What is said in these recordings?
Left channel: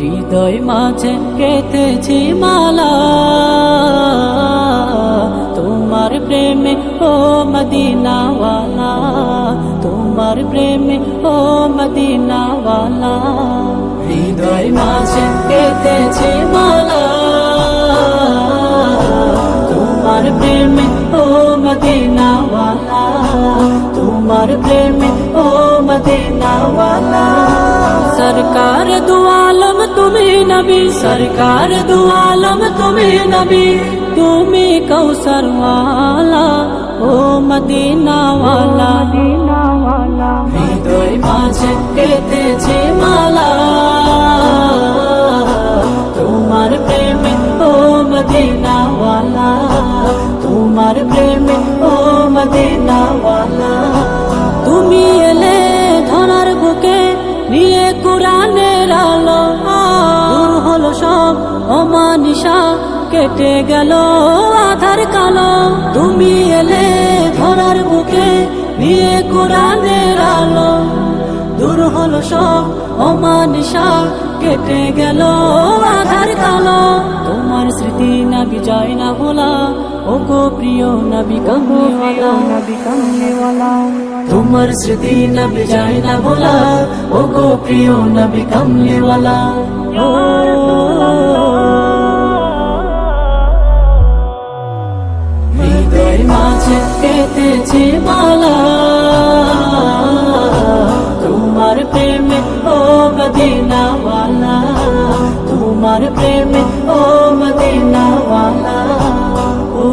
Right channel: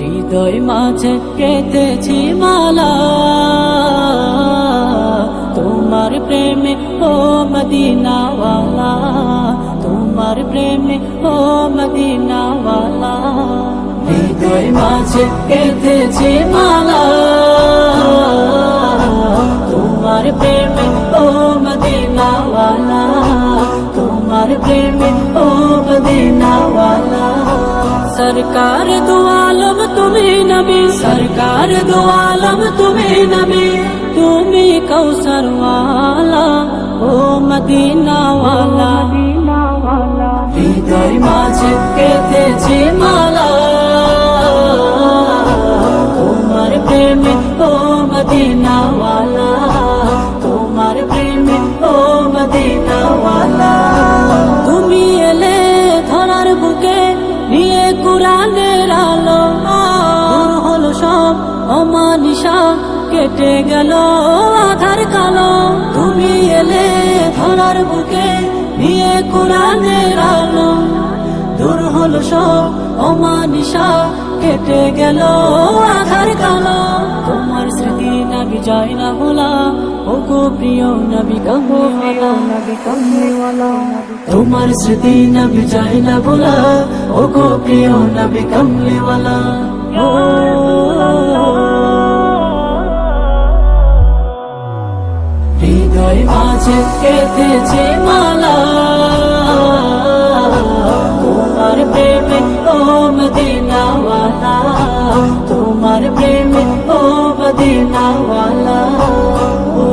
হৃদয় মাঝে কেটেছি মালা তোমার প্রেমে ও মদিনাওয়ালা, তোমার প্রেমে ও মদিনাওয়ালা। হৃদয় মাঝে কেটেছি মালা তোমার প্রেমে ও মদিনাওয়ালা, তোমার প্রেমে ও মদিনাওয়ালা। सरकार दो आलम तुम्हें नबी, सरकार दो आलम तुम्हें नबी, तुम्हें कौसर वाला ओ मदीना वाला, मदीना वाला। हृदय माঝে কেটেছে মালা তোমার প্রেমে ও মদিনা वाला, তোমার প্রেমে ও মদিনা वाला। তুমি এলে ধরার বুকে নিয়ে কুরআনের আলো, দূর হলো সব অমানিসা, কেটে গেল আধার কালো। তুমি এলে ধরার বুকে নিয়ে কুরআনের আলো, দূর হলো সব অমানিসা, কেটে গেল আধার কালো। তোমার স্মৃতি নবী যায় না ভোলা, ও গো প্রিয় নবী কামলিওয়ালা, নবী কামলিওয়ালা। তোমার স্মৃতি নবী যায় না ভোলা, ও গো প্রিয় নবী কামলিওয়ালা। ও হৃদয় মাঝে কেটেছে মালা তোমার প্রেমে ও মদিনাওয়ালা, তোমার প্রেমে ও মদিনাওয়ালা। ও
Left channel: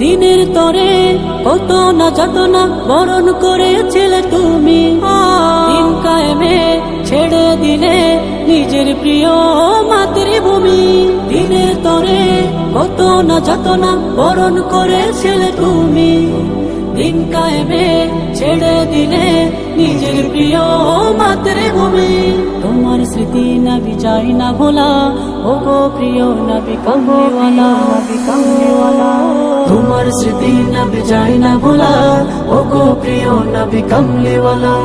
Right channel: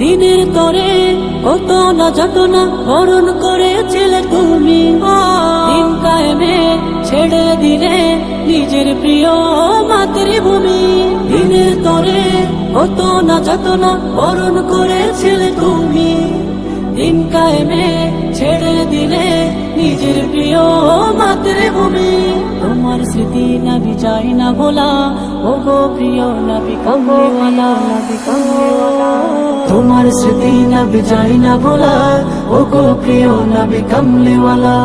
দিনের তরে কত না যাতনা বরণ করেছিলে তুমি, দিন কায়েমে ছেড়ে দিলে নিজের প্রিয় মাতৃভূমি। দিনের তরে কত না যাতনা বরণ করেছিলে তুমি, দিন কায়েমে ছেড়ে দিলে নিজের প্রিয় মাতৃভূমি। তোমার স্মৃতি নবী যায় না ভোলা, ও গো প্রিয় নবী কামলিওয়ালা, নবী কামলিওয়ালা। তোমার স্মৃতি নবী যায় না ভোলা, ও গো প্রিয় নবী কামলিওয়ালা।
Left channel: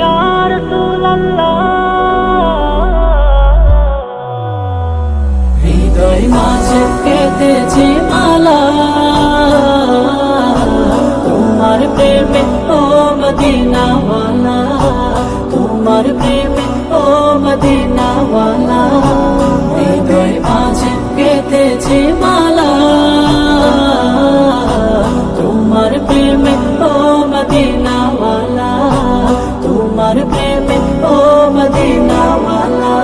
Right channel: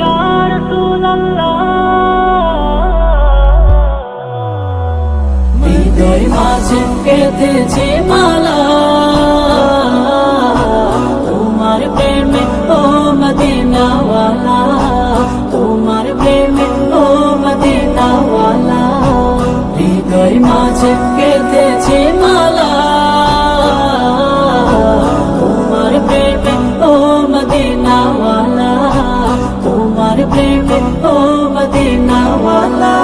ইয়া রাসূলুল্লাহ হৃদয় মাঝে কেটেছে মালা তোমার প্রেমে ও মদিনাওয়ালা, তোমার প্রেমে ও মদিনাওয়ালা। হৃদয় মাঝে কেটেছে মালা তোমার প্রেমে ও মদিনাওয়ালা, তোমার প্রেমে ও মদিনাওয়ালা।